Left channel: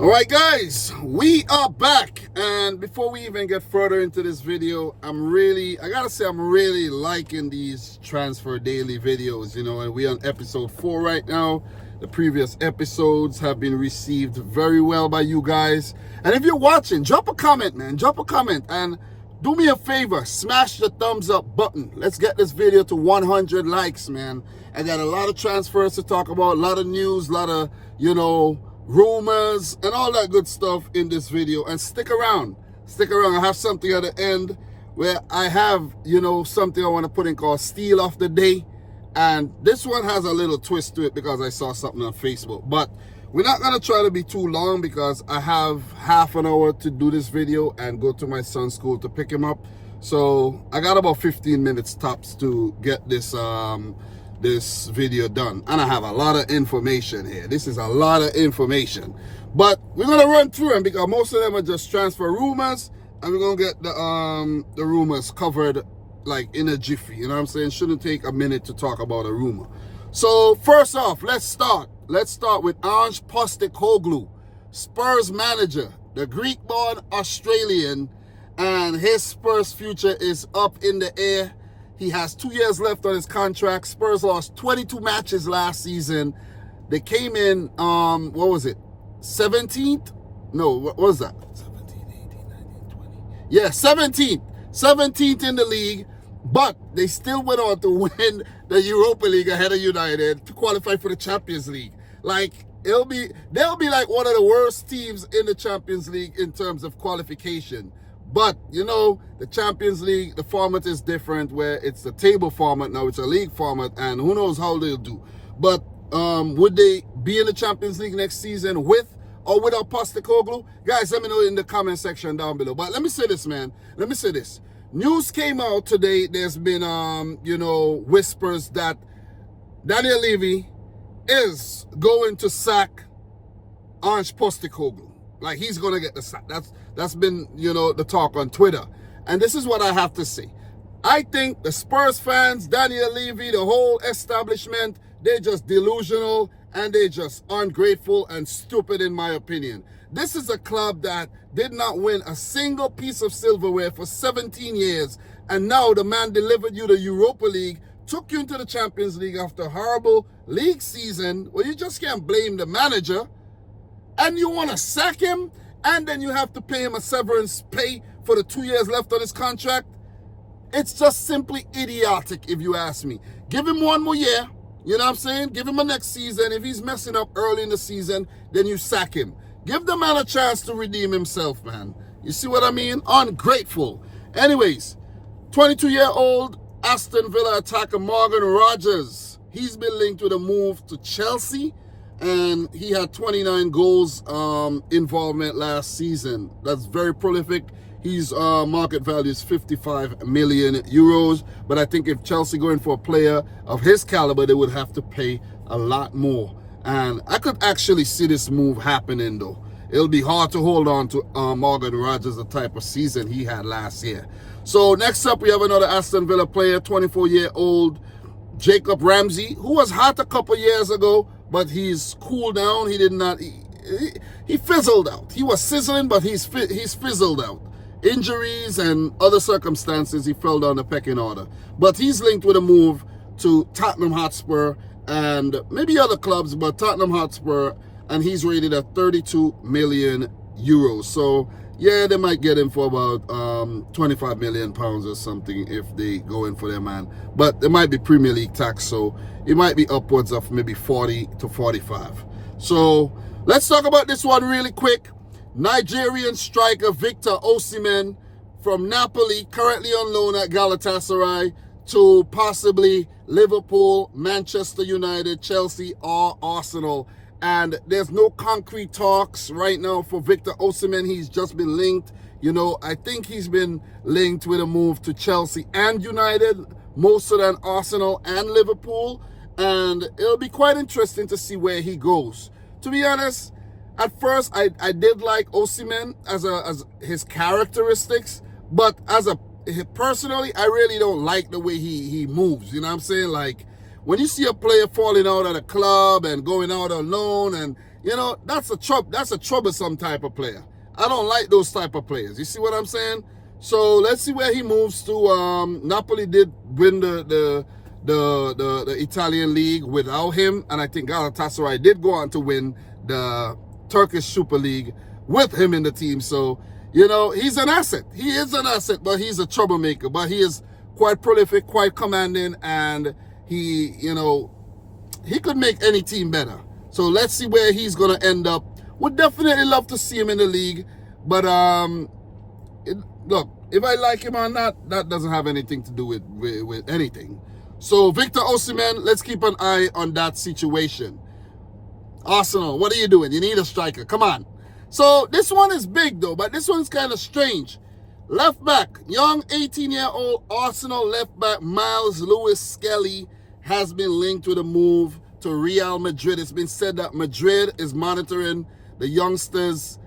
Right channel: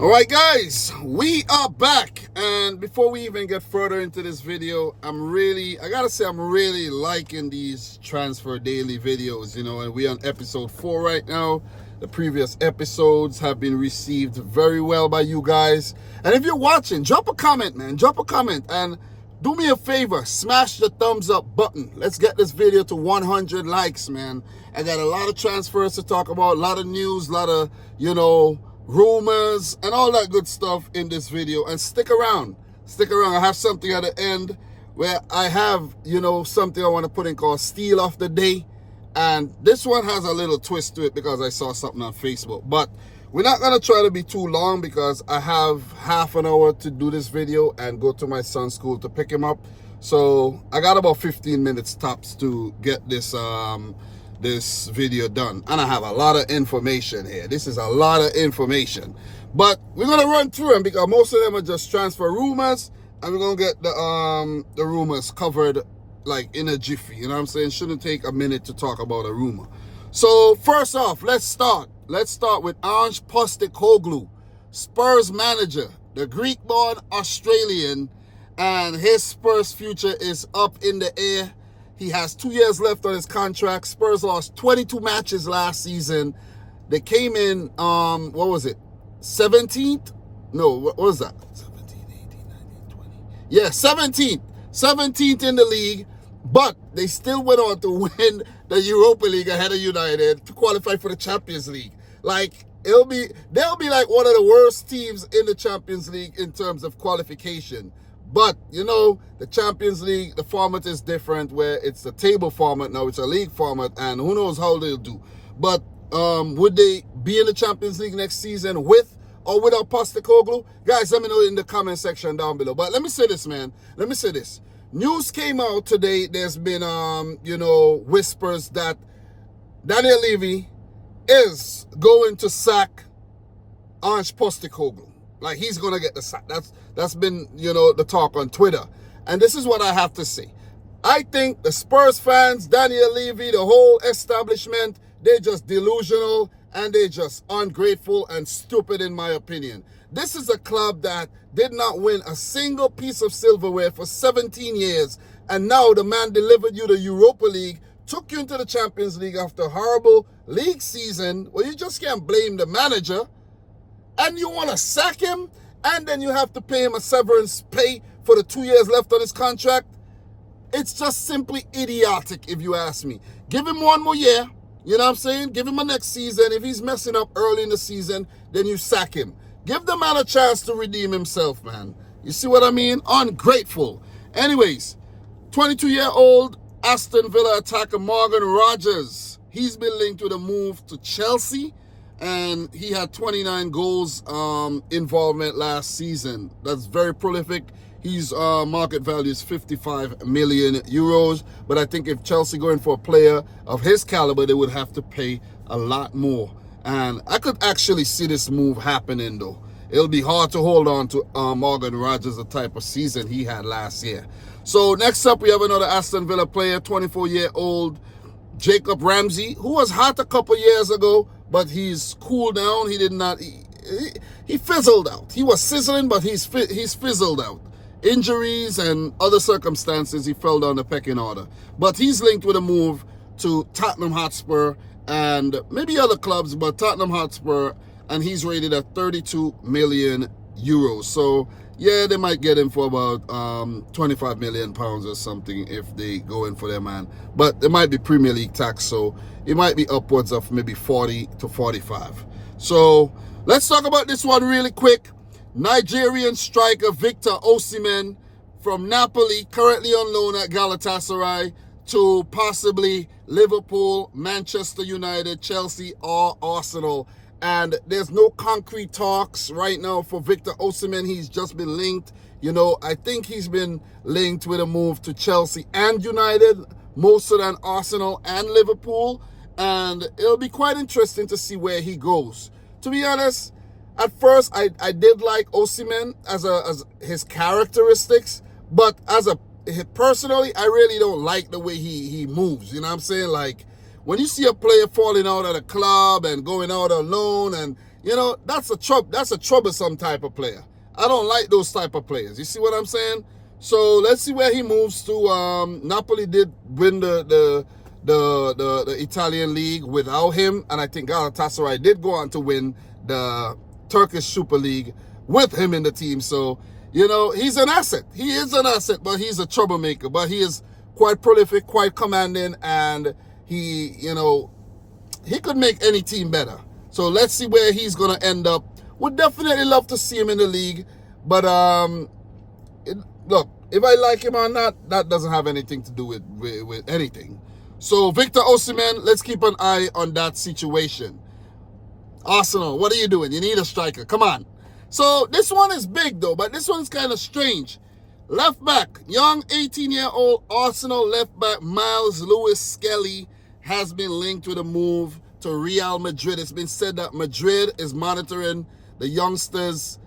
All right, guys, we are back. And before we even get further into this video, I gotta say, I'm really liking these Transfer Daily videos, and we're on episode 4 right now. The previous episodes have been received very well by you guys. And if you're watching, drop a comment, man. Drop a comment and do me a favor, smash the thumbs up button. Let's get this video to 100 likes, man. I got a lot of transfers to talk about, a lot of news, a lot of, rumors and all that good stuff in this video. And stick around. I have something at the end where I have, something I want to put in called Steal of the Day. And this one has a little twist to it because I saw something on Facebook. But we're not going to try to be too long because I have half an hour to do this video and go to my son's school to pick him up. So I got about 15 minutes tops to get this this video done. And I have a lot of information here. This is a lot of information. But we're going to run through them because most of them are just transfer rumors. And we're going to get the rumors covered like in a jiffy. You know what I'm saying? Shouldn't take a minute to talk about a rumor. So first off, let's start with Ange Postecoglou, Spurs manager, the Greek-born Australian, and his Spurs future is up in the air. He has 2 years left on his contract. Spurs lost 22 matches last season. They came in, 17th? No, what was that? 17, 18, 19, 20. Yeah, 17th. 17th in the league, but they still went on to win the Europa League ahead of United to qualify for the Champions League. Like, they'll be like one of the worst teams in the Champions League in terms of qualification. But, the Champions League, the format is different where it's the table format now, it's a league format, and who knows how they'll do. But would they be in the Champions League next season with or without Postecoglou? Guys, let me know in the comment section down below. But let me say this, man. Let me say this. News came out today. There's been, whispers that Daniel Levy is going to sack Ange Postecoglou. Like, he's going to get the sack. That's been, the talk on Twitter. And this is what I have to say. I think the Spurs fans, Daniel Levy, the whole establishment, they're just delusional and they're just ungrateful and stupid in my opinion. This is a club that did not win a single piece of silverware for 17 years. And now the man delivered you the Europa League, took you into the Champions League after a horrible league season. Well, you just can't blame the manager. And you want to sack him, and then you have to pay him a severance pay for the 2 years left on his contract. It's just simply idiotic, if you ask me. Give him one more year, you know what I'm saying? Give him a next season. If he's messing up early in the season, then you sack him. Give the man a chance to redeem himself, man. You see what I mean? Ungrateful. Anyways, 22-year-old Aston Villa attacker Morgan Rogers. He's been linked with a move to Chelsea. And he had 29 goals involvement last season. That's very prolific. His market value is 55 million euros. But I think if Chelsea going for a player of his caliber, they would have to pay a lot more. And I could actually see this move happening, though. It'll be hard to hold on to Morgan Rogers, the type of season he had last year. So next up, we have another Aston Villa player, 24-year-old Jacob Ramsey, who was hot a couple years ago, but he's cooled down. He fizzled out. He was sizzling, but he's fizzled out. Injuries and other circumstances, he fell down the pecking order. But he's linked with a move to Tottenham Hotspur and maybe other clubs, but Tottenham Hotspur, and he's rated at 32 million euros. So, yeah, they might get him for about 25 million pounds or something if they go in for their man. But there might be Premier League tax, so it might be upwards of maybe 40 to 45. So let's talk about this one really quick. Nigerian striker Victor Osimhen from Napoli, currently on loan at Galatasaray, to possibly Liverpool, Manchester United, Chelsea, or Arsenal. And there's no concrete talks right now for Victor Osimhen. He's just been linked. I think he's been linked with a move to Chelsea and United, more so than Arsenal and Liverpool. And it'll be quite interesting to see where he goes. To be honest, at first I did like Osimhen as his characteristics, but personally, I really don't like the way he moves. You know what I'm saying? Like, when you see a player falling out at a club and going out on loan and You know, that's a troublesome type of player. I don't like those type of players. You see what I'm saying? So let's see where he moves to. Napoli did win the Italian league without him, and I think Galatasaray did go on to win the Turkish Super League with him in the team. So, you know, he's an asset. He is an asset, but he's a troublemaker. But he is quite prolific, quite commanding, and he, you know, he could make any team better. So let's see where he's going to end up. Would definitely love to see him in the league. But, look, if I like him or not, that doesn't have anything to do with anything. So Victor Osimhen, let's keep an eye on that situation. Arsenal, what are you doing? You need a striker. Come on. So this one is big, though, but this one's kind of strange. Left back, young 18-year-old Arsenal left back Miles Lewis-Skelly has been linked with a move to Real Madrid. It's been said that Madrid is monitoring the youngsters'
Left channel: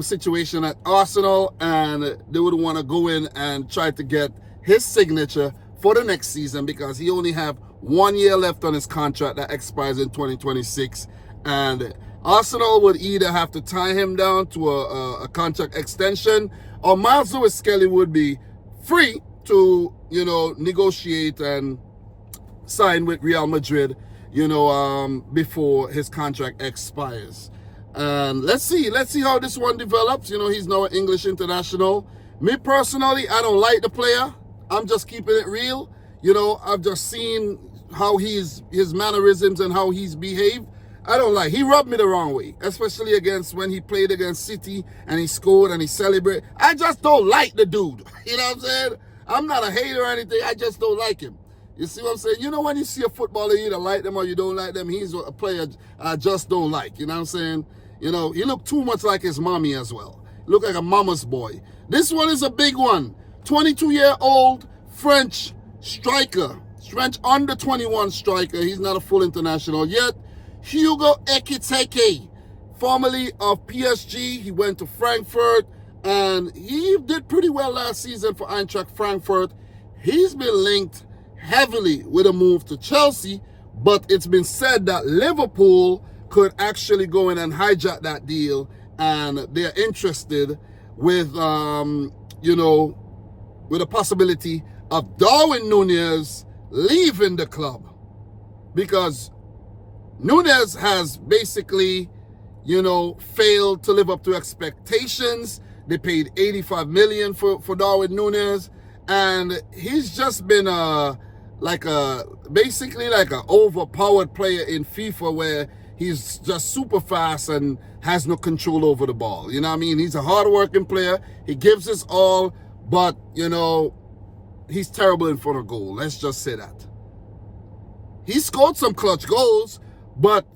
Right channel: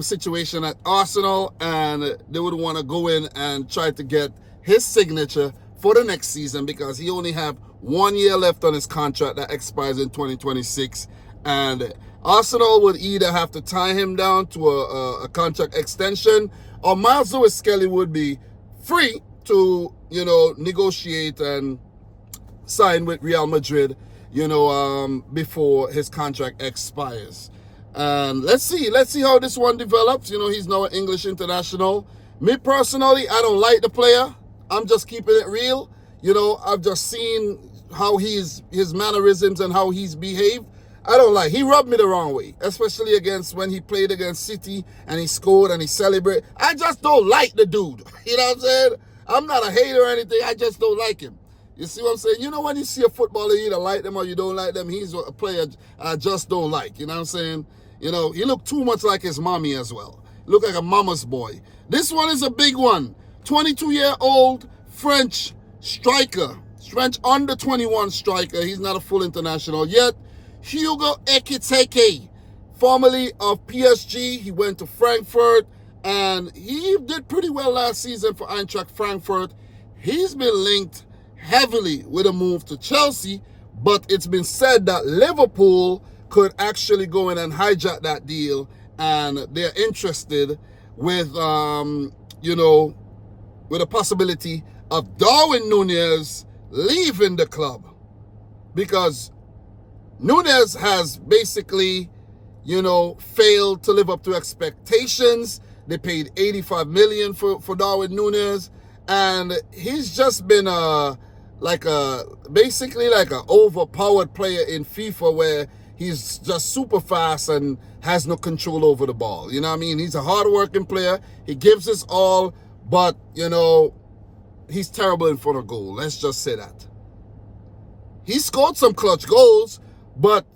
situation at Arsenal, and they would want to go in and try to get his signature for the next season because he only have 1 year left on his contract that expires in 2026. And Arsenal would either have to tie him down to a contract extension, or Miles Lewis-Skelly would be free to, you know, negotiate and sign with Real Madrid, you know, before his contract expires. And let's see how this one develops. You know, he's now an English international. Me personally, I don't like the player. I'm just keeping it real. You know, I've just seen how his mannerisms and how he's behaved. I don't like. He rubbed me the wrong way, especially when he played against City and he scored and he celebrated. I just don't like the dude. You know what I'm saying? I'm not a hater or anything. I just don't like him. You see what I'm saying? You know, when you see a footballer, you either like them or you don't like them. He's a player I just don't like. You know what I'm saying? You know, he looked too much like his mommy as well. He looked like a mama's boy. This one is a big one. 22-year-old French striker. French under 21 striker. He's not a full international yet. Hugo Ekitike, formerly of PSG. He went to Frankfurt, and he did pretty well last season for Eintracht Frankfurt. He's been linked heavily with a move to Chelsea, but it's been said that Liverpool could actually go in and hijack that deal, and they're interested with, you know, with a possibility of Darwin Núñez leaving the club, because Núñez has basically, you know, failed to live up to expectations. They paid $85 million for Darwin Núñez, and he's just been basically like an overpowered player in FIFA, where he's just super fast and has no control over the ball. You know what I mean? He's a hard-working player. He gives his all, but, you know, he's terrible in front of goal. Let's just say that. He scored some clutch goals, but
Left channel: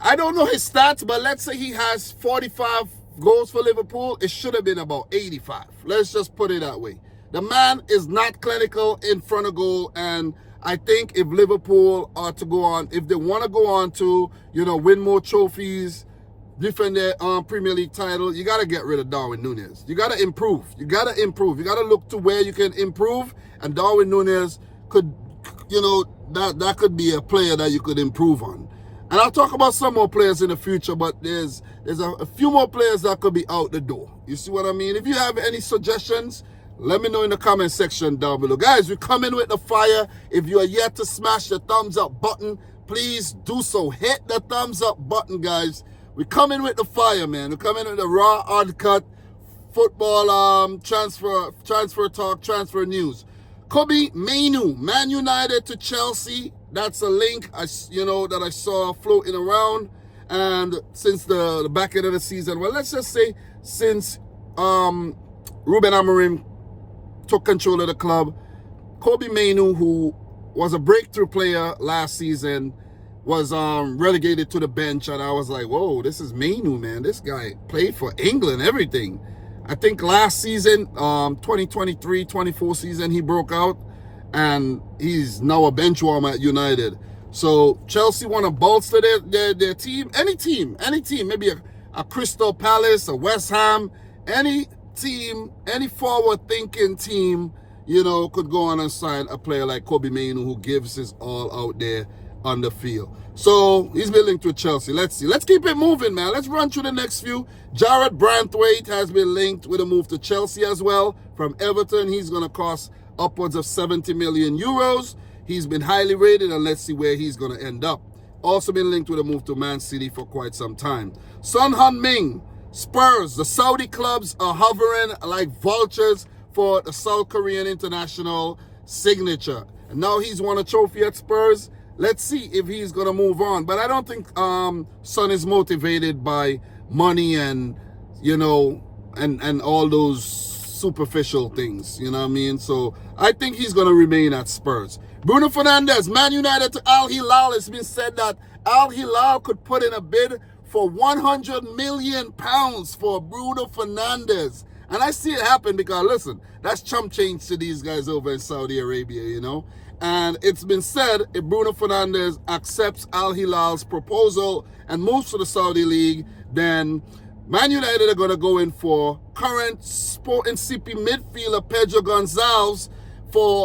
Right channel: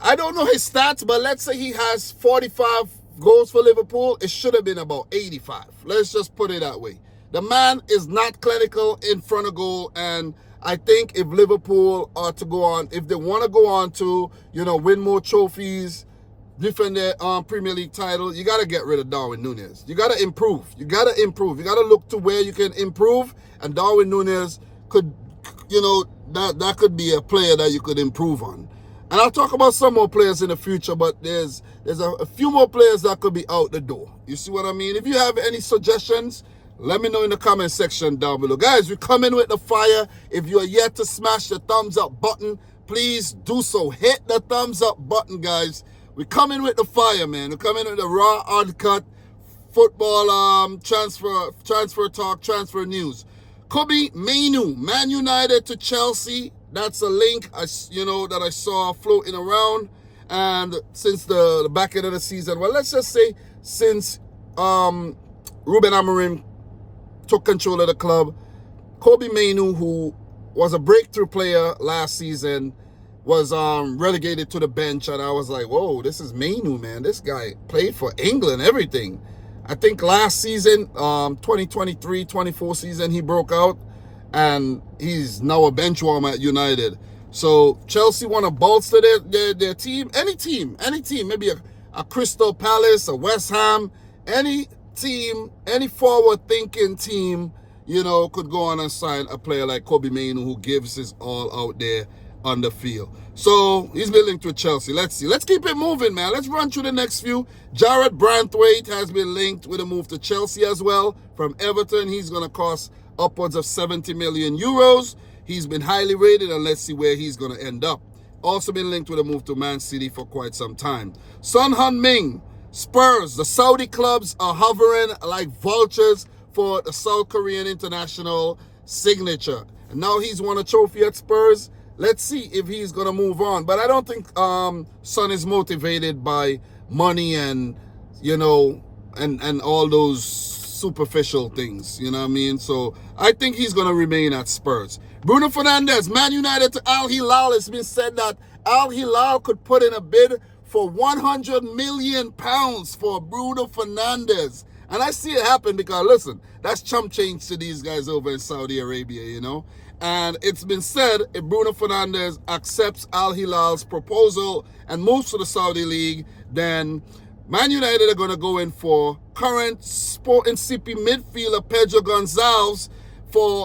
I don't know his stats, but let's say he has 45 goals for Liverpool. It should have been about 85. Let's just put it that way. The man is not clinical in front of goal, and I think if Liverpool are to go on, if they want to go on to, you know, win more trophies, defend their Premier League title, you got to get rid of Darwin Núñez. You got to improve. You got to improve. You got to look to where you can improve, and Darwin Núñez could, you know, that could be a player that you could improve on. And I'll talk about some more players in the future, but there's a few more players that could be out the door. You see what I mean? If you have any suggestions, let me know in the comment section down below. Guys, we're coming with the fire. If you are yet to smash the thumbs up button, please do so. Hit the thumbs up button, guys. We're coming with the fire, man. We're coming with the raw, uncut football transfer talk, transfer news. Kobbie Mainoo, Man United to Chelsea. That's a link that I saw floating around. And since the back end of the season, well, let's just say since Ruben Amorim took control of the club, Kobbie Mainoo, who was a breakthrough player last season, was relegated to the bench. And I was like, whoa, this is Mainoo, man. This guy played for England, everything. I think last season, 2023-24 season, he broke out, and he's now a bench warmer at United. So Chelsea want to bolster their team, any team, maybe a Crystal Palace, a West Ham, any team, any forward-thinking team, you know, could go on and sign a player like Kobbie Mainoo, who gives his all out there on the field. So he's been linked with Chelsea. Let's see. Let's keep it moving, man. Let's run through the next few. Jared Branthwaite has been linked with a move to Chelsea as well from Everton. He's going to cost upwards of 70 million euros. He's been highly rated, and let's see where he's going to end up. Also been linked with a move to Man City for quite some time. Son Heung-min, Spurs. The Saudi clubs are hovering like vultures for the South Korean international signature. And now he's won a trophy at Spurs. Let's see if he's going to move on. But I don't think Son is motivated by money and, you know, and all those superficial things. You know what I mean? So I think he's going to remain at Spurs. Bruno Fernandes, Man United to Al Hilal. It's been said that Al Hilal could put in a bid for £100 million for Bruno Fernandes. And I see it happen because, listen, that's chump change to these guys over in Saudi Arabia, you know. And it's been said if Bruno Fernandes accepts Al Hilal's proposal and moves to the Saudi League, then Man United are going to go in for current Sporting CP midfielder Pedro Gonçalves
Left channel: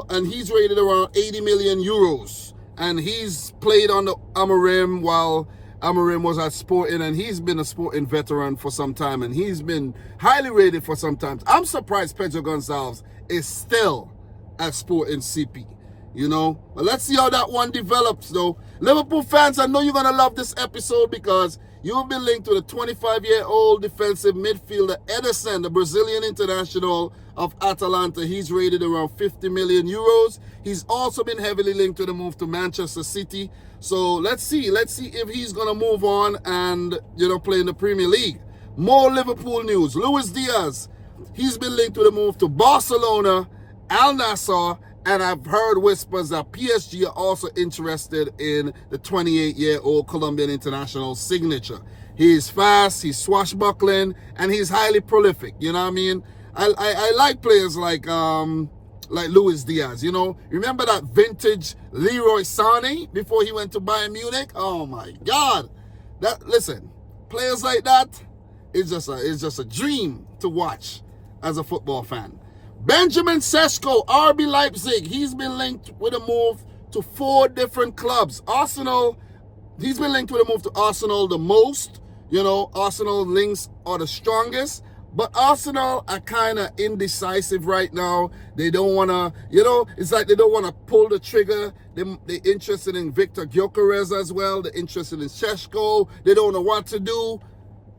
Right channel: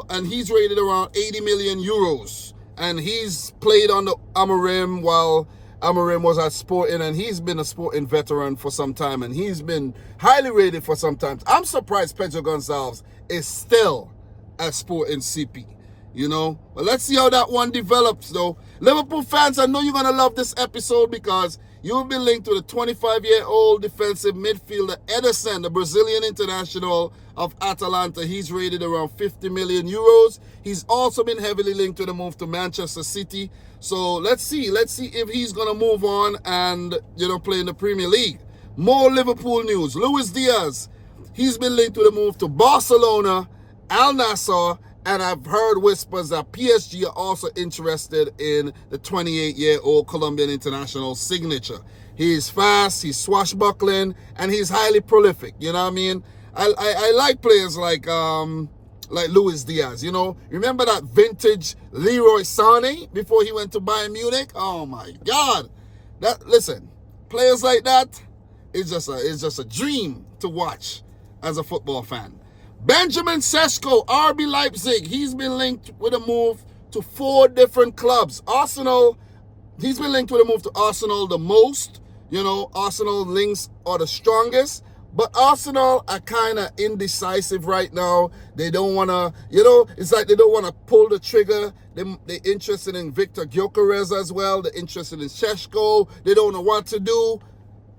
and he's rated around 80 million euros. And he's played on the Amorim while Amorim was at Sporting, and he's been a Sporting veteran for some time, and he's been highly rated for some time. I'm surprised Pedro Gonçalves is still at Sporting CP, you know. But let's see how that one develops, though. Liverpool fans, I know you're going to love this episode because you'll be linked to the 25-year-old defensive midfielder Ederson, the Brazilian international of Atalanta. He's rated around 50 million euros. He's also been heavily linked to the move to Manchester City. So let's see if he's going to move on and, you know, play in the Premier League. More Liverpool news. Luis Diaz, he's been linked to the move to Barcelona, Al Nassr, and I've heard whispers that PSG are also interested in the 28-year-old Colombian international signature. He's fast, he's swashbuckling, and he's highly prolific. You know what I mean? I like players like Luis Diaz, you know. Remember that vintage Leroy Sané before he went to Bayern Munich? Oh my God. Listen, players like that, it's just a dream to watch as a football fan. Benjamin Sesko, RB Leipzig, he's been linked with a move to 4 different clubs. Arsenal, he's been linked with a move to Arsenal the most. You know, Arsenal links are the strongest. But Arsenal are kind of indecisive right now. They don't want to, you know, it's like they don't want to pull the trigger. They're interested in Victor Gyokeres as well. They're interested in Sesko. They don't know what to do.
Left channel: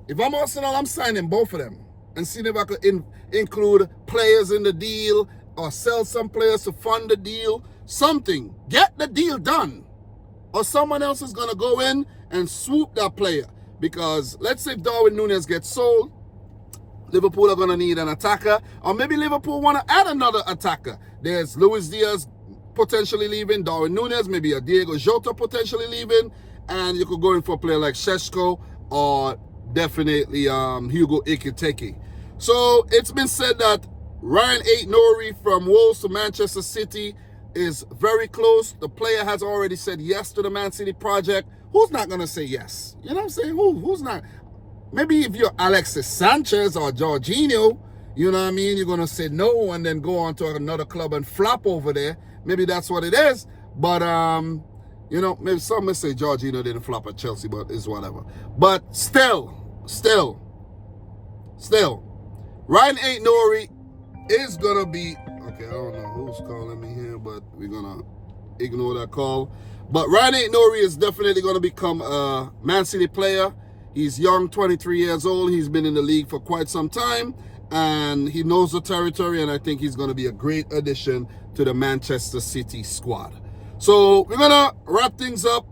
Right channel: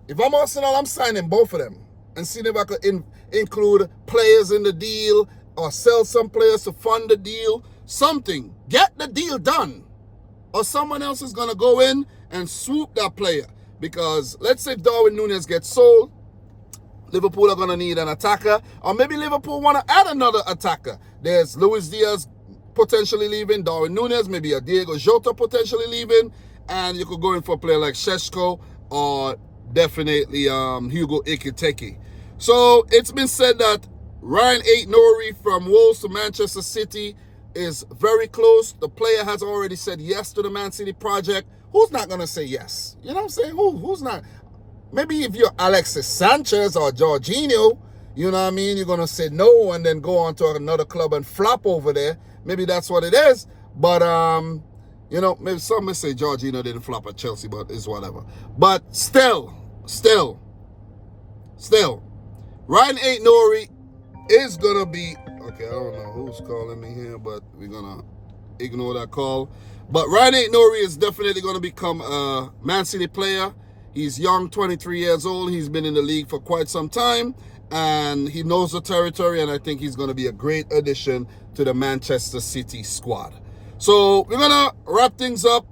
If I'm Arsenal, I'm signing both of them and seeing if I could include players in the deal or sell some players to fund the deal. Something. Get the deal done. Or someone else is going to go in and swoop that player. Because let's say if Darwin Núñez gets sold, Liverpool are going to need an attacker, or maybe Liverpool want to add another attacker. There's Luis Diaz potentially leaving, Darwin Núñez, maybe a Diego Jota potentially leaving, and you could go in for a player like Sesko or definitely Hugo Ekitike. So it's been said that Ryan Aït-Nouri from Wolves to Manchester City is very close. The player has already said yes to the Man City project. Who's not going to say yes? You know what I'm saying? Who's not? Maybe if you're Alexis Sanchez or Jorginho, you know what I mean, you're going to say no and then go on to another club and flop over there. Maybe that's what it is. But, you know, maybe some may say Jorginho didn't flop at Chelsea, but it's whatever. But still, Ryan Aït-Nouri is going to be, okay, I don't know who's calling me here, but we're going to ignore that call. But Ryan Aït-Nouri is definitely going to become a Man City player. He's young, 23 years old. He's been in the league for quite some time, and he knows the territory, and I think he's going to be a great addition to the Manchester City squad. So we're going to wrap things up,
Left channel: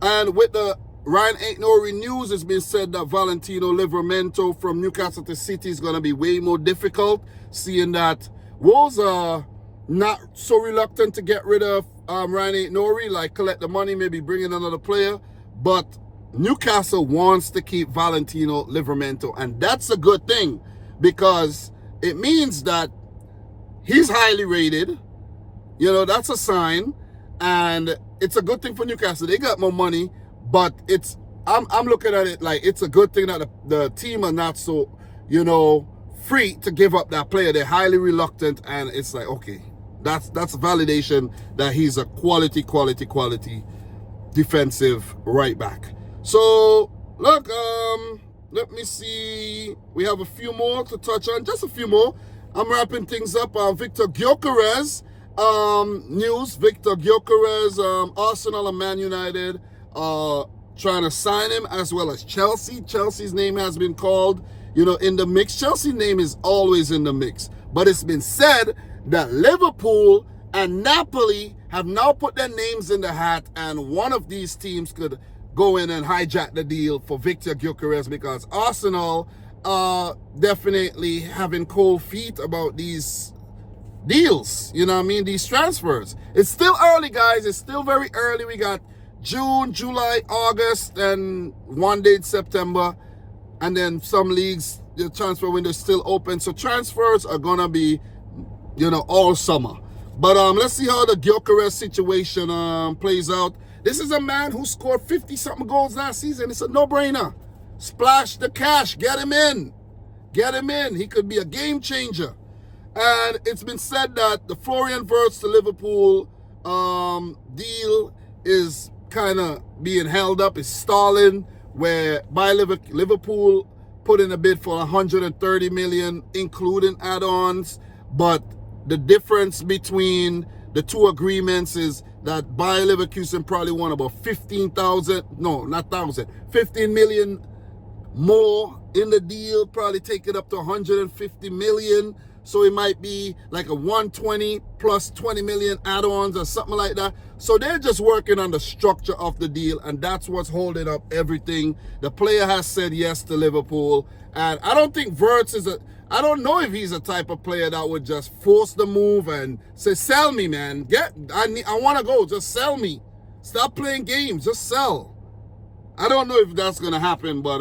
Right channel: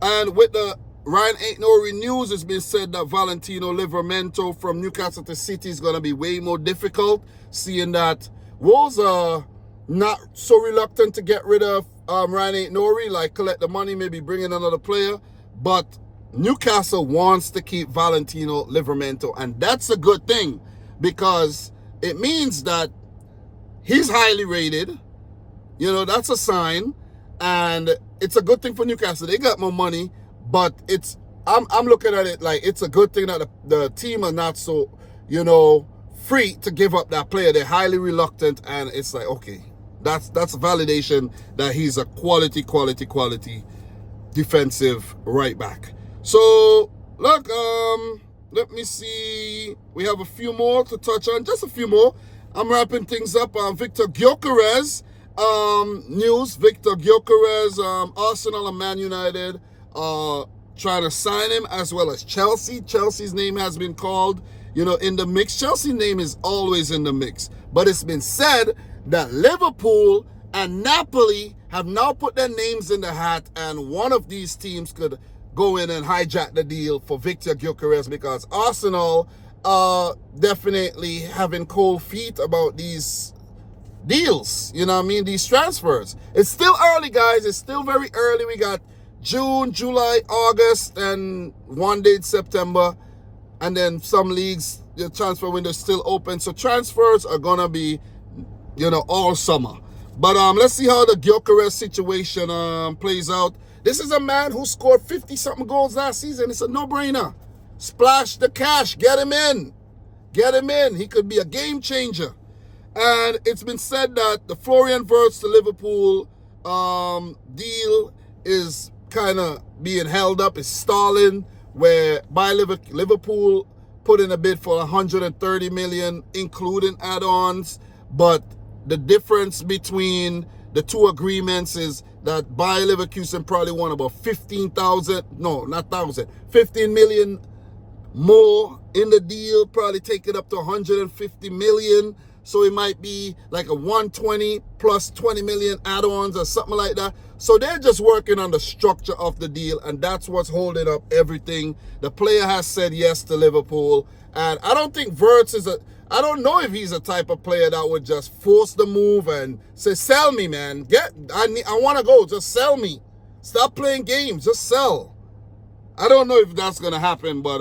and with the Ryan Aït-Nouri news, it's been said that Valentino Livramento from Newcastle to City is going to be way more difficult, seeing that Wolves are not so reluctant to get rid of Ryan Aït-Nouri, like collect the money, maybe bring in another player, but Newcastle wants to keep Valentino Livramento, and that's a good thing because it means that he's highly rated. You know, that's a sign, and it's a good thing for Newcastle. They got more money, but I'm looking at it like it's a good thing that the team are not so, you know, free to give up that player. They're highly reluctant, and it's like, okay, that's validation that he's a quality defensive right back. So, look, let me see. We have a few more to touch on, just a few more. I'm wrapping things up. Victor Gyokeres news. Victor Gyokeres, Arsenal and Man United trying to sign him, as well as Chelsea. Chelsea's name has been called, in the mix. Chelsea's name is always in the mix. But it's been said that Liverpool and Napoli have now put their names in the hat, and one of these teams could go in and hijack the deal for Victor Gyokeres, because Arsenal are definitely having cold feet about these deals, these transfers. It's still early, guys. It's still very early. We got June, July, August, and one day in September. And then some leagues, the transfer window is still open. So transfers are going to be, all summer. But let's see how the Gyokeres situation plays out. This is a man who scored 50-something goals last season. It's a no-brainer. Splash the cash. Get him in. Get him in. He could be a game changer. And it's been said that the Florian Wirtz to Liverpool deal is kind of being held up. It's stalling, where by Liverpool put in a bid for 130 million, including add-ons. But the difference between the two agreements is that Bayer Leverkusen probably want about 15 million more in the deal, probably take it up to 150 million. So it might be like a 120 plus 20 million add-ons or something like that. So they're just working on the structure of the deal, and that's what's holding up everything. The player has said yes to Liverpool, and I don't think Wirtz I don't know if he's a type of player that would just force the move and say, sell me, man. I want to go. Just sell me. Stop playing games. Just sell. I don't know if that's going to happen, but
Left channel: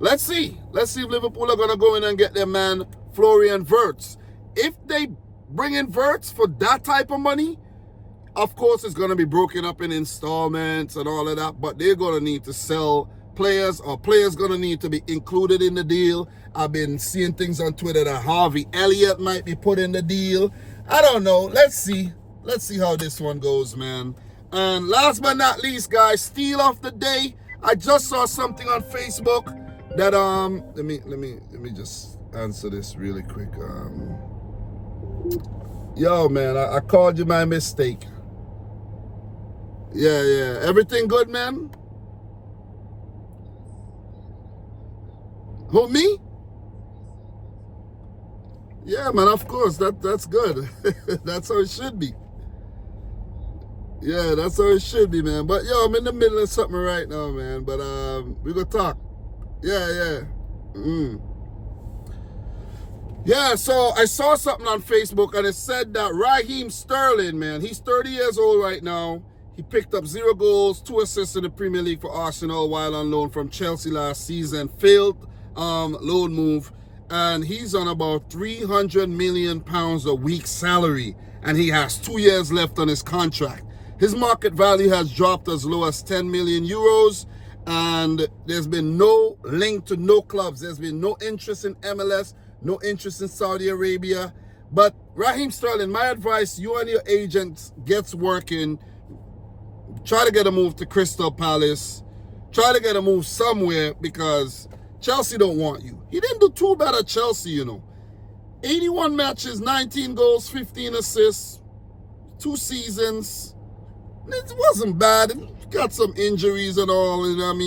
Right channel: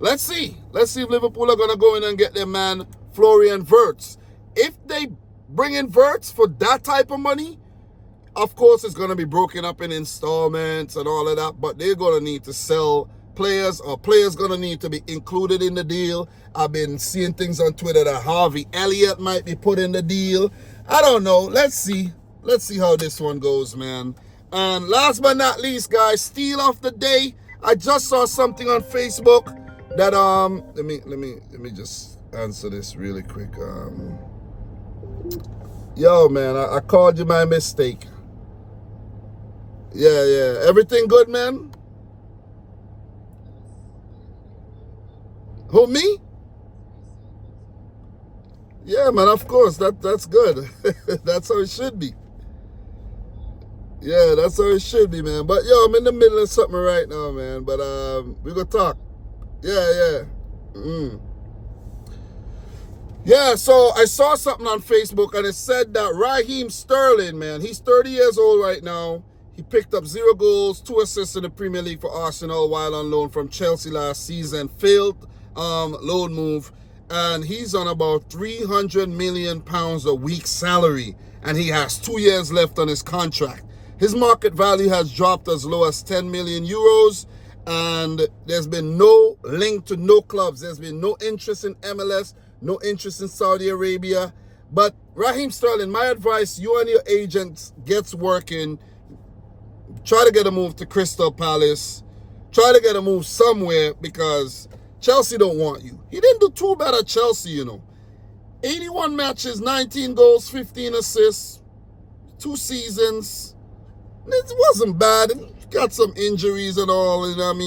let's see. Let's see if Liverpool are going to go in and get their man, Florian Wirtz. If they bring in Wirtz for that type of money, of course it's going to be broken up in installments and all of that, but they're going to need to sell players, or players going to need to be included in the deal. I've been seeing things on Twitter that Harvey Elliott might be put in the deal. I don't know. Let's see. Let's see how this one goes, man. And last but not least, guys, steal of the day. I just saw something on Facebook that let me just answer this really quick. Yo, man, I called you my mistake. Yeah. Everything good, man? Who, me? Yeah, man, of course. That's good. That's how it should be. Yeah, that's how it should be, man. But, yo, I'm in the middle of something right now, man. But we gonna talk. Yeah. Yeah, so I saw something on Facebook, and it said that Raheem Sterling, man, he's 30 years old right now. He picked up 0 goals, 2 assists in the Premier League for Arsenal while on loan from Chelsea last season. Failed loan move. And he's on about £300 million a week salary. And he has 2 years left on his contract. His market value has dropped as low as 10 million euros. And there's been no link to no clubs. There's been no interest in MLS, no interest in Saudi Arabia. But Raheem Sterling, my advice, you and your agent gets working. Try to get a move to Crystal Palace. Try to get a move somewhere, because Chelsea don't want you. He didn't do too bad at Chelsea, 81 matches, 19 goals, 15 assists, 2 seasons. It wasn't bad. He got some injuries and all,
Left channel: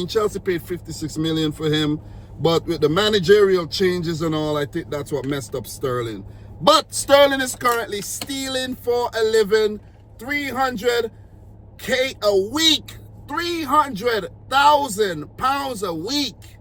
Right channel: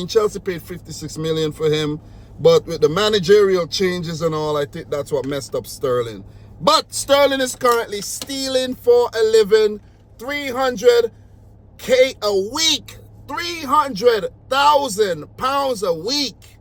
Chelsea paid 56 million for him. But with the managerial changes and all, I think that's what messed up Sterling. But Sterling is currently stealing for a living. 300K a week. £300,000 a week.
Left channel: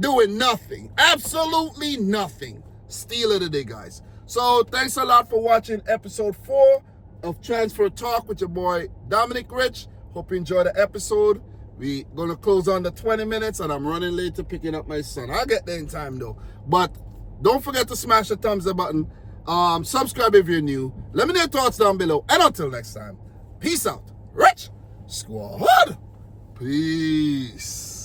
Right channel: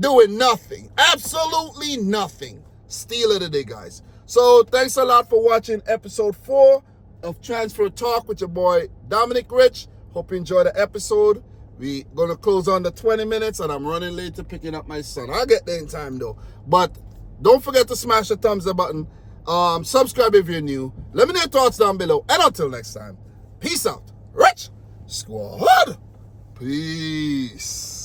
Doing nothing. Absolutely nothing. Steal of the day, guys. So thanks a lot for watching episode 4 of Transfer Talk with your boy Dominic Rich. Hope you enjoyed the episode. We're going to close on the 20 minutes, and I'm running late to picking up my son. I'll get there in time, though. But don't forget to smash the thumbs up button. Subscribe if you're new. Let me know your thoughts down below. And until next time, peace out. Rich Squad. Peace.